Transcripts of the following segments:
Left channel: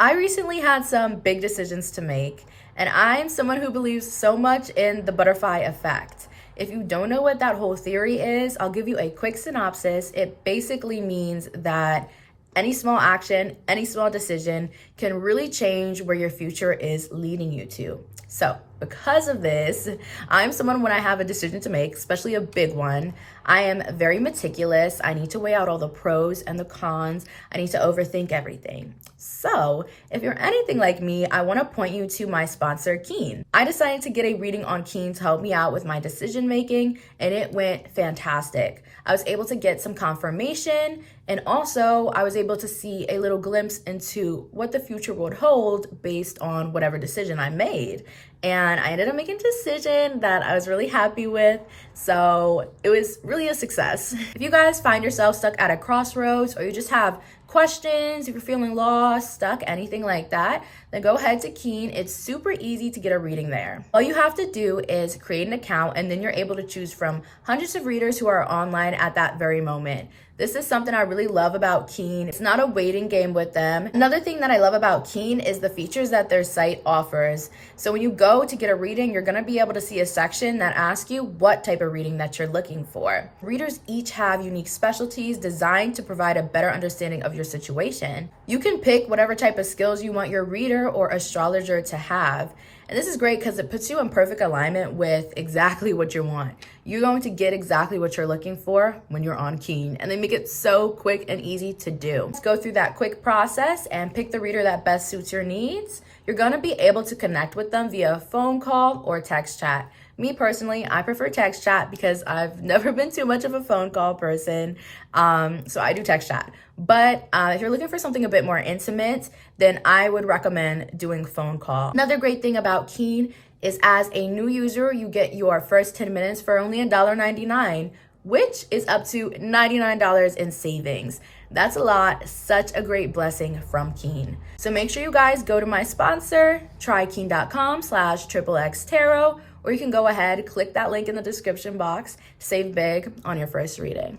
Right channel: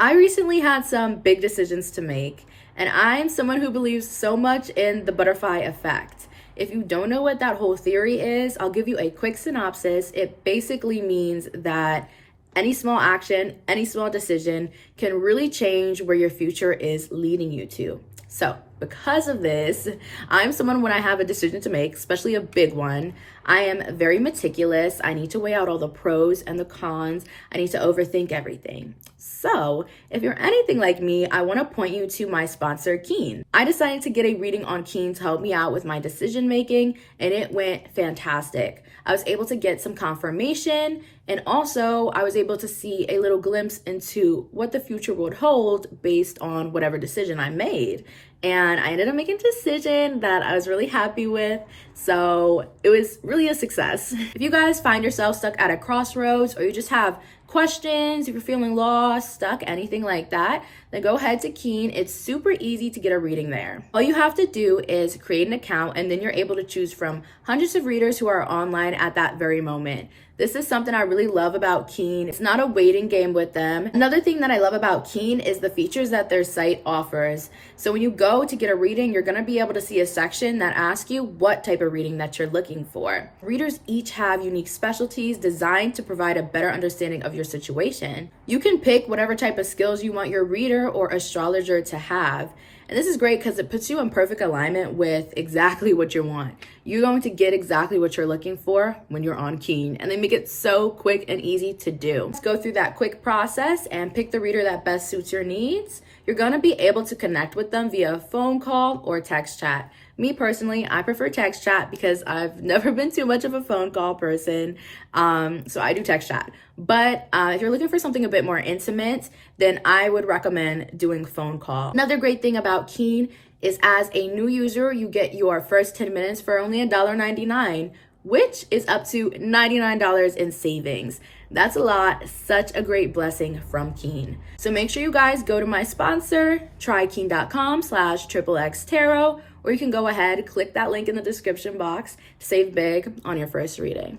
I recently had some big decisions to make, and I'm someone who believes so much in the butterfly effect. If you don't know what that whole theory is, I'll give you a quick synopsis. It basically means that any small action, any small decision can really change where your future is leading you to. So, because of this, I'm someone when I have a decision to make, especially a big one, I am very meticulous. I need to weigh out all the pros and the cons. I need to overthink everything. So, if you're anything like me, I want to point you to my sponsor, Keen. I decided to get a reading on Keen to help me out with my decision making, and it went fantastic. I was able to get some confirmation, and also I was able to see a little glimpse into what the future would hold based on whatever decision I made. And I ended up making a decision that I was really happy with. So it was really a success. If you guys find yourself stuck at a crossroads, or you just have questions, if you're feeling lost, stuck, anything like that, then go ahead to Keen. It's super easy to get a reading there. All you have to do is create an account, and then you're able to choose from hundreds of readers who are online at that very moment. This is something I really love about Keen. It's not a waiting game with them. Another thing that I love about Keen is the features that their site offers. So when you go to get a reading, you're gonna be able to see a section that asks you what type of reading that you're looking for. Readers each have unique specialties designed to provide a better understanding of your situation. You can pick whatever type of skills you want your reader or astrologer to have. And this is great because it puts you in perfect alignment with exactly what you want. You're going to get exactly what you're looking for when you're on Keen, and they make it so quick and easy to do. Let's go through that quick process and pick the reader that best suits your needs. You're going to be able to connect with them via phone call or text chat. Me personally, I prefer text chat because I've never been too much of a phone call person. So I do text chat. But if you're looking for something a bit more intimate, then I would recommend doing phone call. Another great thing about Keen is as a new user, you get your first 10 minutes for only $1.99, which is up to $99 in savings. That's a lot, such a great blessing from Keen. So make sure you guys go to my sponsor, trykeen.com/XXX or you can go ahead, click that link in the description box to save big on your first reading.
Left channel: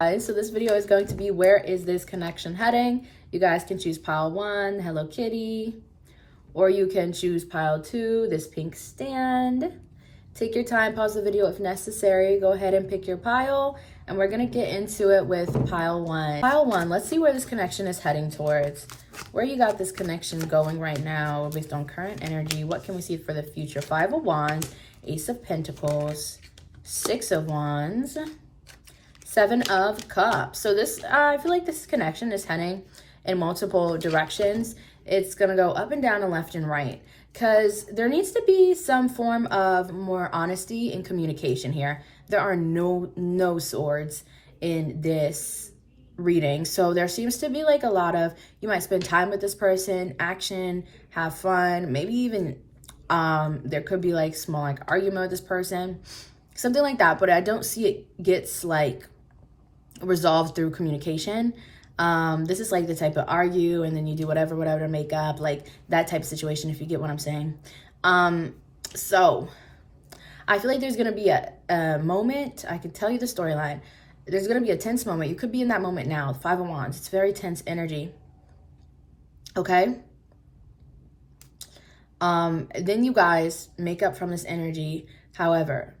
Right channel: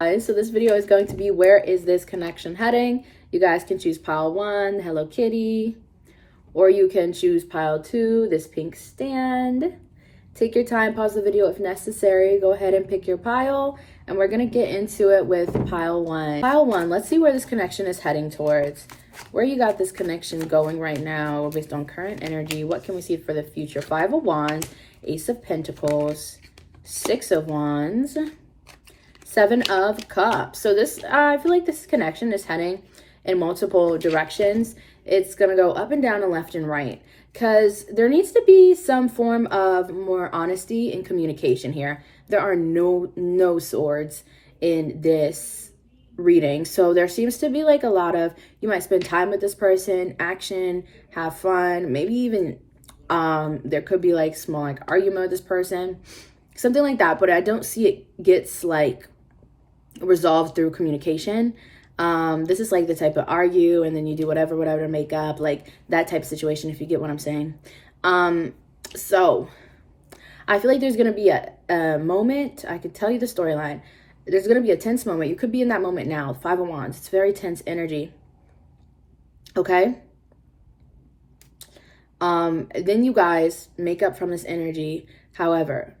Guys, so this video is going to be, where is this connection heading? You guys can choose pile 1, Hello Kitty, or you can choose pile 2, this pink stand. Take your time, pause the video if necessary. Go ahead and pick your pile, and we're gonna get into it with pile 1. Pile 1, let's see where this connection is heading towards. Where you got this connection going right now based on current energy. What can we see for the future? 5 of Wands, Ace of Pentacles, 6 of Wands, 7 of Cups. So this, I feel like this connection is heading in multiple directions. It's gonna go up and down and left and right, because there needs to be some form of more honesty and communication here. There are no swords in this reading. So there seems to be like a lot of, you might spend time with this person, action, have fun, maybe even there could be like small like argument with this person, something like that. But I don't see it gets like resolved through communication. This is like the type of argue and then you do whatever to make up, like that type of situation, if you get what I'm saying. So I feel like there's gonna be a moment, I can tell you the storyline. There's gonna be a tense moment. You could be in that moment now. 5 of Wands, it's very tense energy. Okay. Then you guys make up from this energy. However,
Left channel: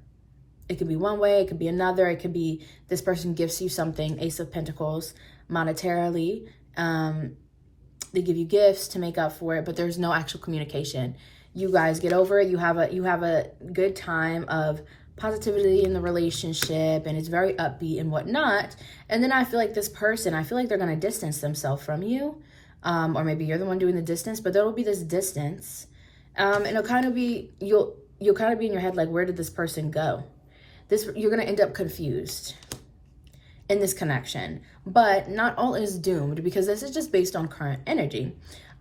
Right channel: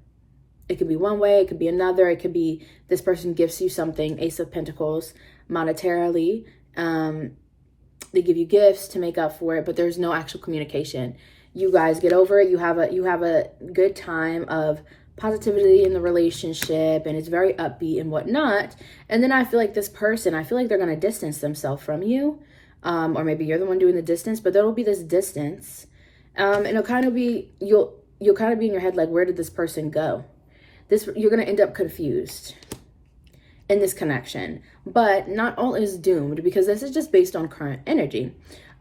it could be one way, it could be another. It could be this person gifts you something, Ace of Pentacles, monetarily. They give you gifts to make up for it, but there's no actual communication. You guys get over it. You have a good time of positivity in the relationship, and it's very upbeat and whatnot. And then I feel like this person, I feel like they're gonna distance themselves from you, or maybe you're the one doing the distance, but there will be this distance, and it'll kind of be, you'll kind of be in your head like, where did this person go? You're gonna end up confused in this connection, but not all is doomed, because this is just based on current energy.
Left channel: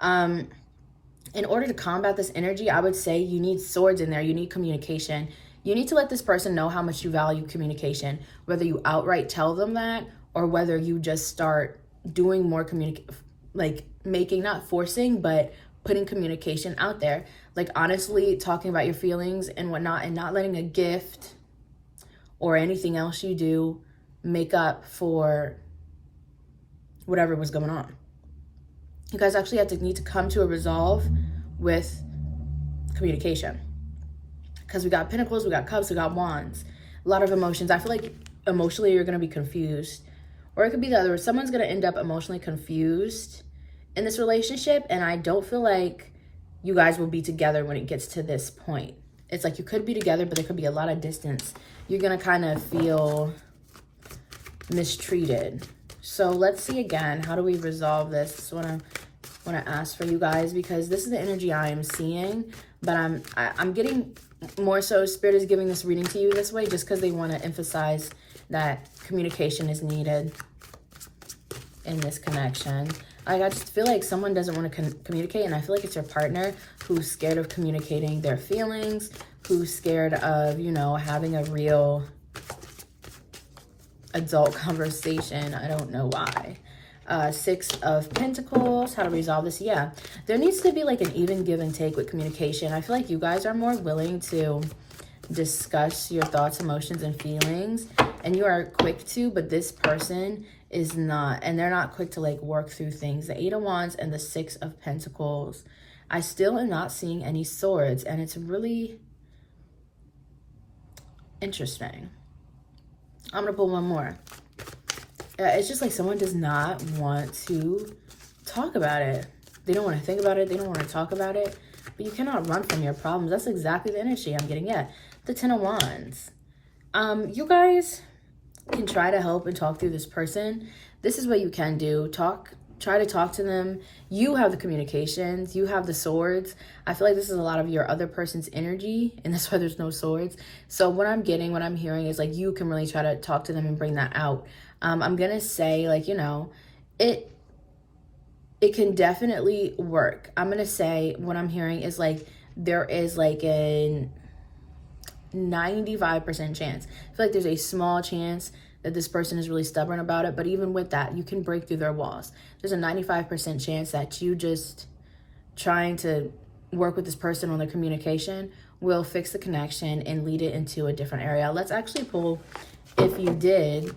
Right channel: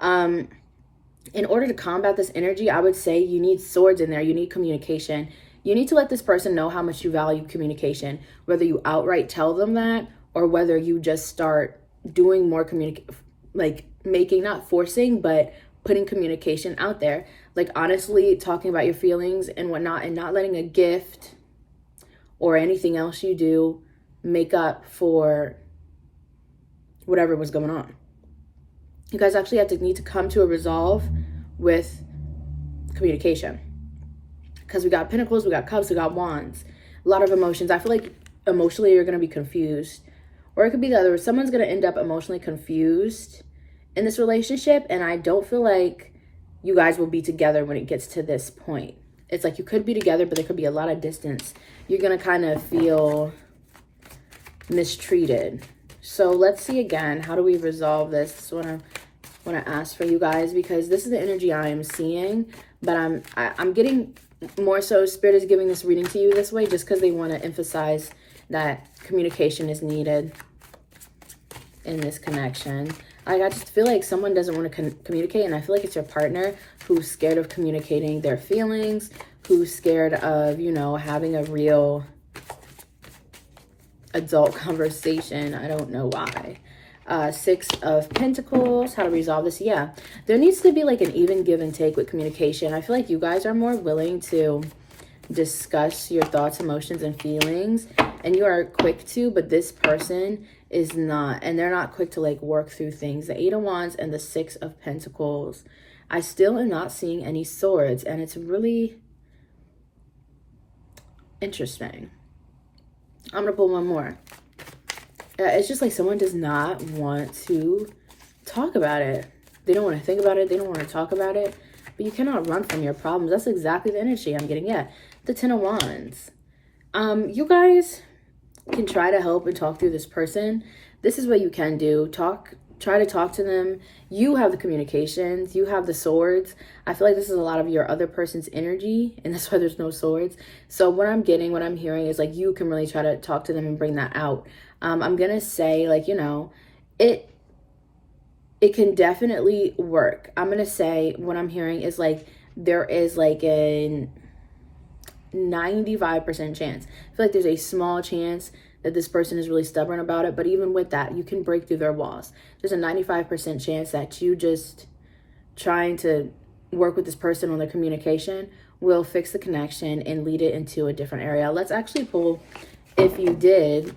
In order to combat this energy, I would say you need swords in there. You need communication. You need to let this person know how much you value communication, whether you outright tell them that, or whether you just start doing more like making, not forcing, but putting communication out there. Like honestly talking about your feelings and whatnot, and not letting a gift or anything else you do make up for whatever was going on. You guys actually have to need to come to a resolve with communication. Because we got pentacles, we got cups, we got wands. A lot of emotions. I feel like emotionally you're going to be confused. Or it could be the other. Someone's going to end up emotionally confused in this relationship. And I don't feel like you guys will be together when it gets to this point. It's like you could be together, but there could be a lot of distance. You're going to kind of feel mistreated. So let's see again. How do we resolve this? This is what I want to ask for you guys, because this is the energy I am seeing. But I'm getting more so Spirit is giving this reading to you this way just because they want to emphasize that communication is needed in this connection. I just feel like someone doesn't want to communicate, and I feel like it's your partner who's scared of communicating their feelings, who's scared of, you know, having a real adult conversation. I don't know why. Six of Pentacles, how to resolve this. Yeah, there needs to be like an even give and take with communication. I feel like you guys are more willing to discuss your thoughts, emotions, and feelings, and you are quick to, but this person is not, and they're not quick to like work through things. The Eight of Wands and the Six of Pentacles. I still am not seeing any swords, and it's really interesting. I'm gonna pull one more. It's just like someone does not want to talk about it. They don't want to think about it. They don't want to talk about it. But you cannot run from your problems. That's exactly the energy I'm getting. Yeah, the Ten of Wands. You guys can try to help and talk through this person. This is what you can do. Try to talk to them. You have the communications. You have the swords. I feel like this is a lot of your other person's energy, and that's why there's no swords. So what I'm hearing is like you can really try to talk to them and bring that out. I'm gonna say, like, you know, it can definitely work. I'm gonna say what I'm hearing is like there is like a 95% chance. I feel like there's a small chance that this person is really stubborn about it, but even with that, you can break through their walls. There's a 95% chance that you just trying to work with this person on their communication will fix the connection and lead it into a different area. Let's actually pull, if you did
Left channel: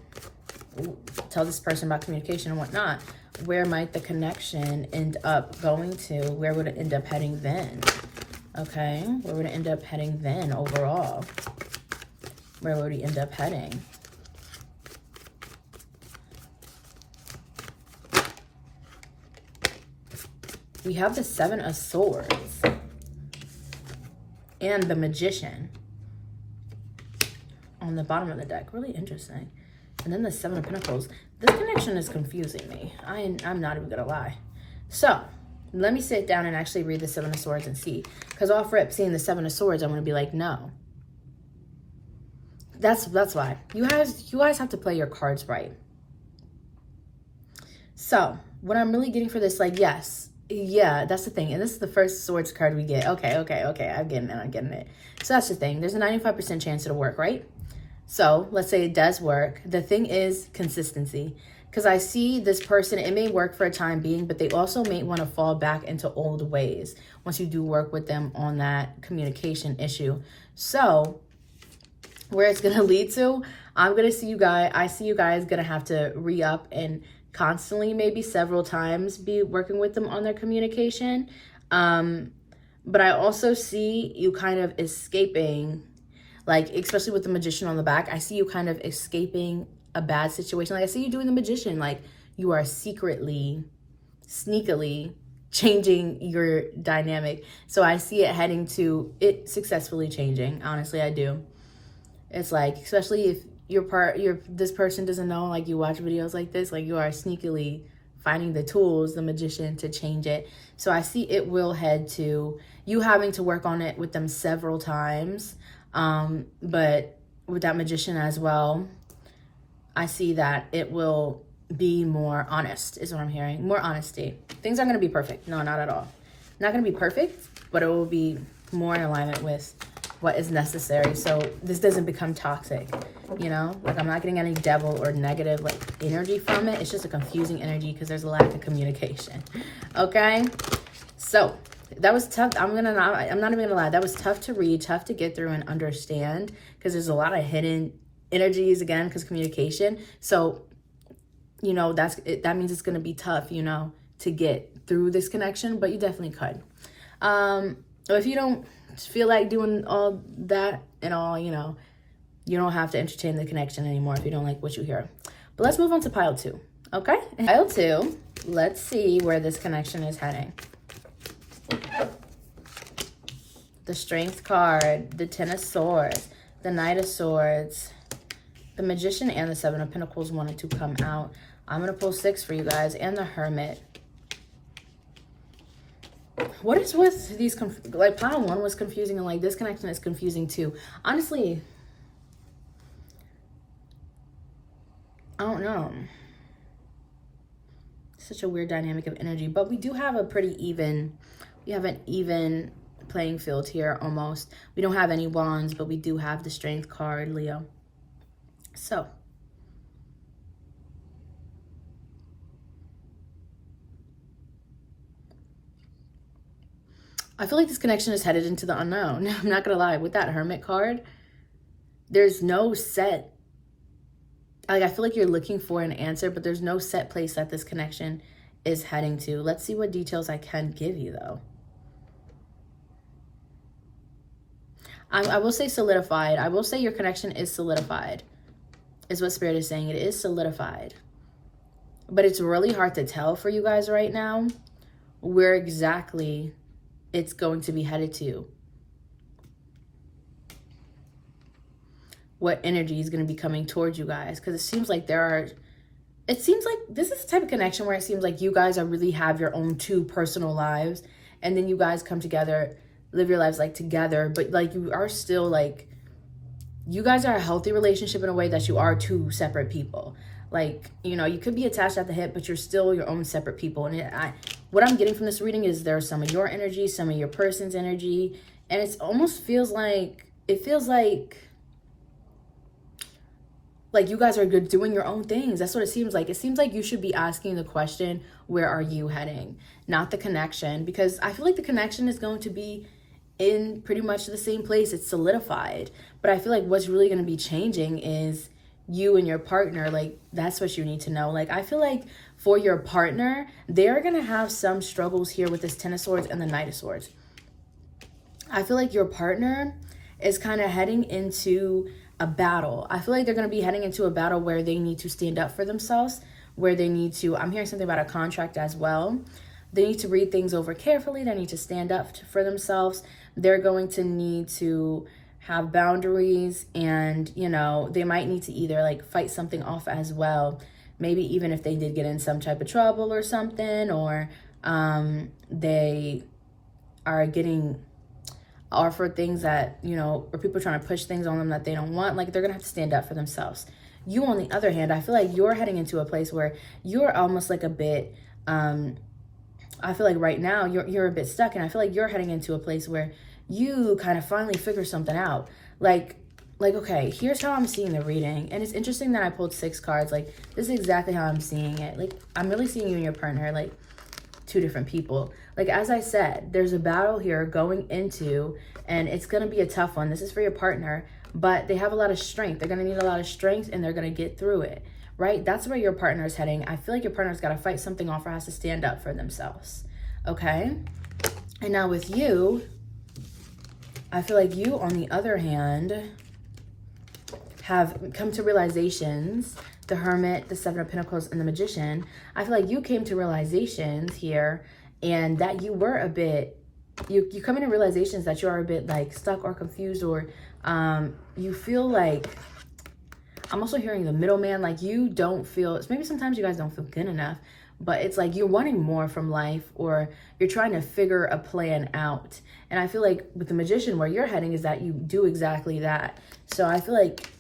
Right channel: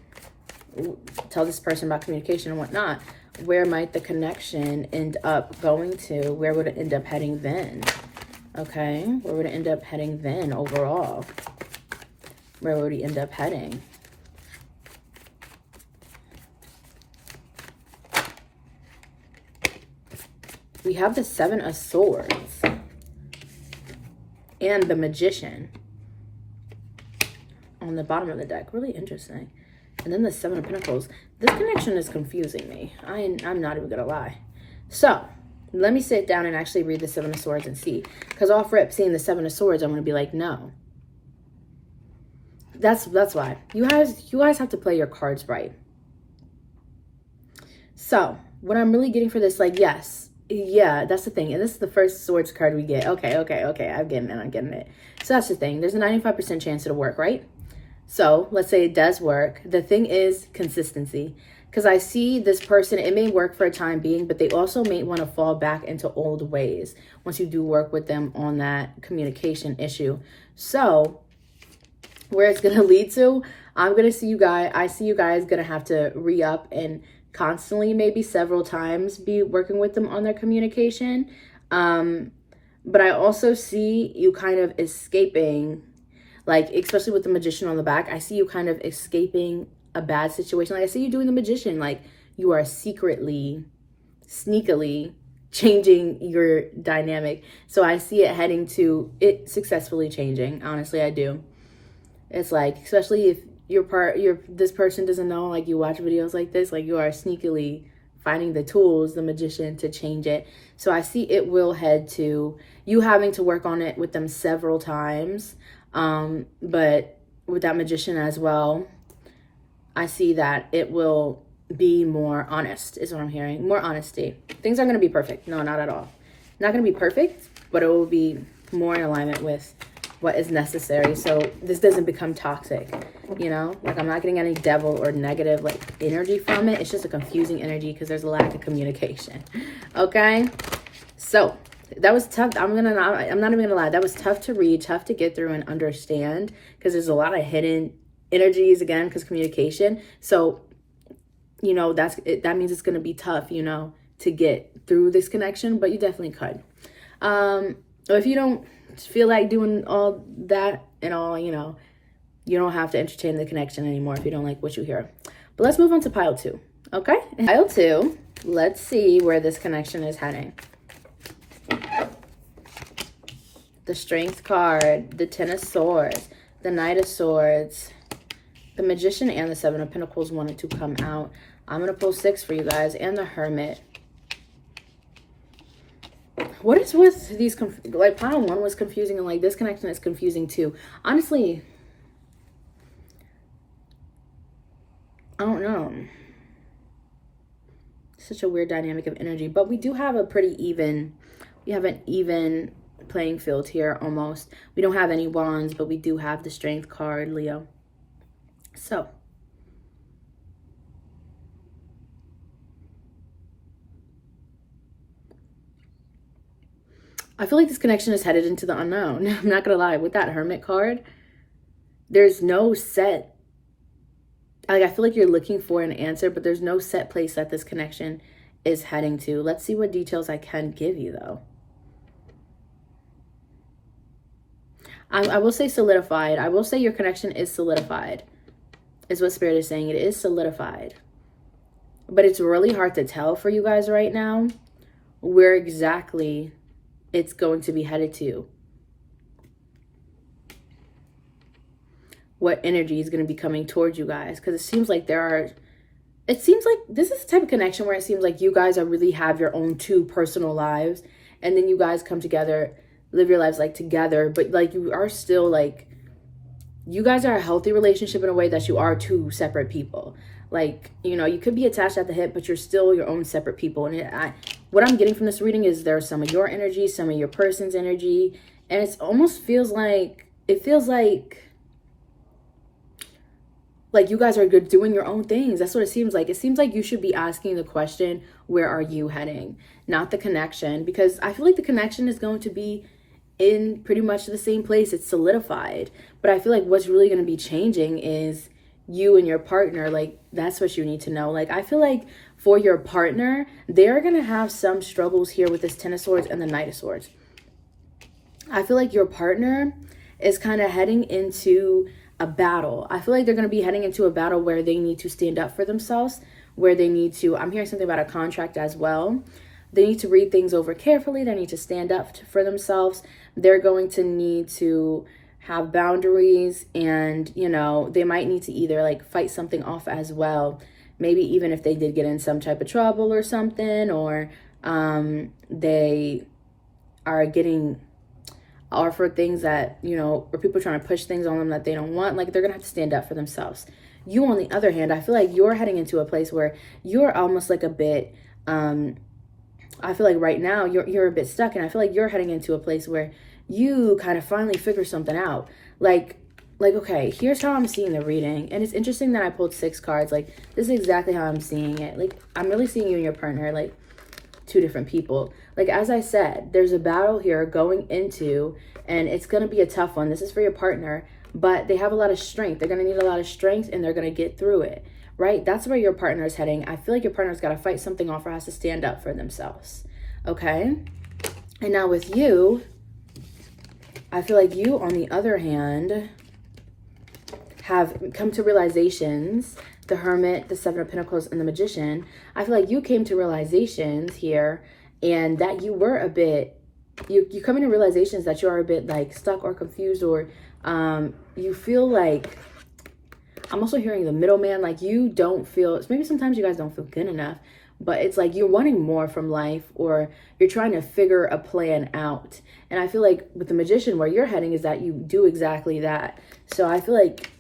tell this person about communication and whatnot, where might the connection end up going to? Where would it end up heading then? Okay, where would it end up heading then overall? Where would he end up heading? We have the Seven of Swords and the Magician on the bottom of the deck. Really interesting. And then the Seven of Pentacles. This connection is confusing me. I'm not even gonna lie. So let me sit down and actually read the Seven of Swords and see. Because off rip, seeing the Seven of Swords, I'm gonna be like, no. That's why. You guys have to play your cards right. So what I'm really getting for this, like, yes. Yeah, that's the thing. And this is the first swords card we get. Okay. I'm getting it. So that's the thing. There's a 95% chance it'll work, right? So let's say it does work. The thing is consistency. Because I see this person, it may work for a time being, but they also may want to fall back into old ways once you do work with them on that communication issue. So where it's going to lead to, I see you guys going to have to re-up and constantly, maybe several times, be working with them on their communication. But I also see you kind of escaping, like, especially with the Magician on the back, I see you kind of escaping a bad situation. Like, I see you doing the Magician, like you are secretly, sneakily changing your dynamic. So I see it heading to it successfully changing. Honestly, I do. It's like, especially if this person doesn't know, like, you watch videos like this, like, you are sneakily finding the tools, the Magician, to change it. So I see it will head to you having to work on it with them several times. But with that Magician as well, I see that it will be more honest, is what I'm hearing. More honesty. Things are going to be perfect. No, not at all. Not going to be perfect, but it will be more in alignment with what is necessary. So this doesn't become toxic, you know? Like, I'm not getting any devil or negative, like, energy from it. It's just a confusing energy because there's a lack of communication. Okay? So that was tough. I'm not even gonna lie. That was tough to read, tough to get through and understand, because there's a lot of hidden energies, again, because communication. So, you know, that means it's gonna be tough, you know, to get through this connection, but you definitely could. If you don't feel like doing all that and all, you know, you don't have to entertain the connection anymore if you don't like what you hear. But let's move on to pile 2, okay? Pile 2, let's see where this connection is heading. The Strength card, the Ten of Swords, the Knight of Swords, the Magician, and the Seven of Pentacles wanted to come out. I'm going to pull 6 for you guys, and the Hermit. What is with these, like, pile 1 was confusing, and, like, this connection is confusing, too. Honestly, I don't know. Such a weird dynamic of energy, but we do have a pretty even, we have an even playing field here, almost. We don't have any wands, but we do have the Strength card, Leo. So, I feel like this connection is headed into the unknown. I'm not gonna lie, with that Hermit card, there's no set, like, I feel like you're looking for an answer, but there's no set place that this connection is heading to. Let's see what details I can give you, though. I will say solidified. I will say your connection is solidified, is what Spirit is saying. It is solidified. But it's really hard to tell for you guys right now where exactly it's going to be headed to. What energy is going to be coming towards you guys. Because it seems like this is the type of connection where it seems like you guys are really have your own 2 personal lives. And then you guys come together, live your lives like together. But like you are still like, you guys are a healthy relationship in a way that you are 2 separate people. Like, you know, you could be attached at the hip, but you're still your own separate people. And what I'm getting from this reading is there's some of your energy, some of your person's energy. And it almost feels like, like you guys are good doing your own things. That's what it seems like. It seems like you should be asking the question, where are you heading? Not the connection. Because I feel like the connection is going to be in pretty much the same place. It's solidified. But I feel like what's really going to be changing is you and your partner. Like, that's what you need to know. Like, I feel like for your partner, they're going to have some struggles here with this Ten of Swords and the Knight of Swords. I feel like your partner is kind of heading into a battle. I feel like they're going to be heading into a battle where they need to stand up for themselves, where they need to, I'm hearing something about a contract as well. They need to read things over carefully. They need to stand up for themselves. They're going to need to have boundaries, and, you know, they might need to either like fight something off as well. Maybe even if they did get in some type of trouble or something, or they are getting offered things that, you know, or people trying to push things on them that they don't want. Like, they're gonna have to stand up for themselves. You, on the other hand, I feel like you're heading into a place where you're almost like a bit, I feel like right now you're a bit stuck, and I feel like you're heading into a place where you kind of finally figure something out. Like, okay, here's how I'm seeing the reading. And it's interesting that I pulled 6 cards. Like, this is exactly how I'm seeing it. Like, I'm really seeing you and your partner, like, 2 different people. Like, as I said, there's a battle here going into, and it's going to be a tough one. This is for your partner, but they have a lot of strength. They're going to need a lot of strength, and they're going to get through it, right? That's where your partner is heading. I feel like your partner's got to fight something off or has to stand up for themselves, okay? And now with you, I feel like you, on the other hand, have come to realizations. The Hermit, the Seven of Pentacles, and the Magician. I feel like you came to realizations here, and that you were a bit, you come into realizations that you are a bit like stuck or confused, or you feel like, I'm also hearing the middleman, like you don't feel, maybe sometimes you guys don't feel good enough, but it's like you're wanting more from life, or you're trying to figure a plan out. And I feel like with the Magician, where you're heading is that you do exactly that. So I feel like,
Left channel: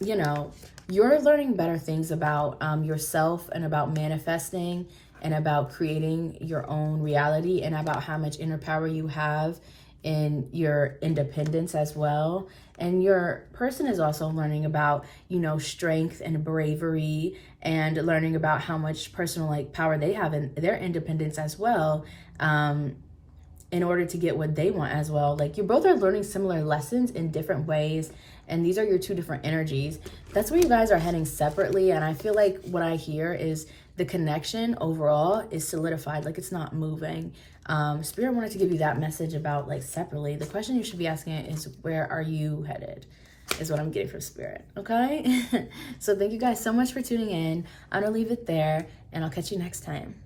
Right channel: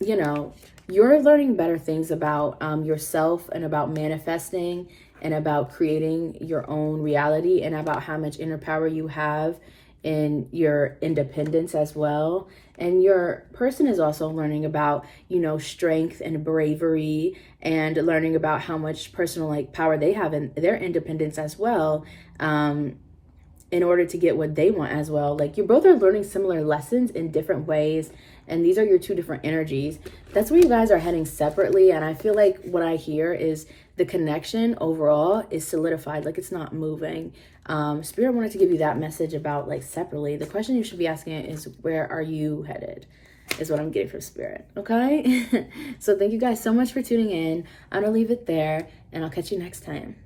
you know, you're learning better things about yourself, and about manifesting, and about creating your own reality, and about how much inner power you have in your independence as well. And your person is also learning about, you know, strength and bravery, and learning about how much personal like power they have in their independence as well, in order to get what they want as well. Like, you both are learning similar lessons in different ways, and these are your two different energies, that's where you guys are heading separately. And I feel like what I hear is the connection overall is solidified, like it's not moving. Spirit wanted to give you that message about like separately. The question you should be asking is, where are you headed? Is what I'm getting from Spirit, okay? So thank you guys so much for tuning in. I'm gonna leave it there, and I'll catch you next time.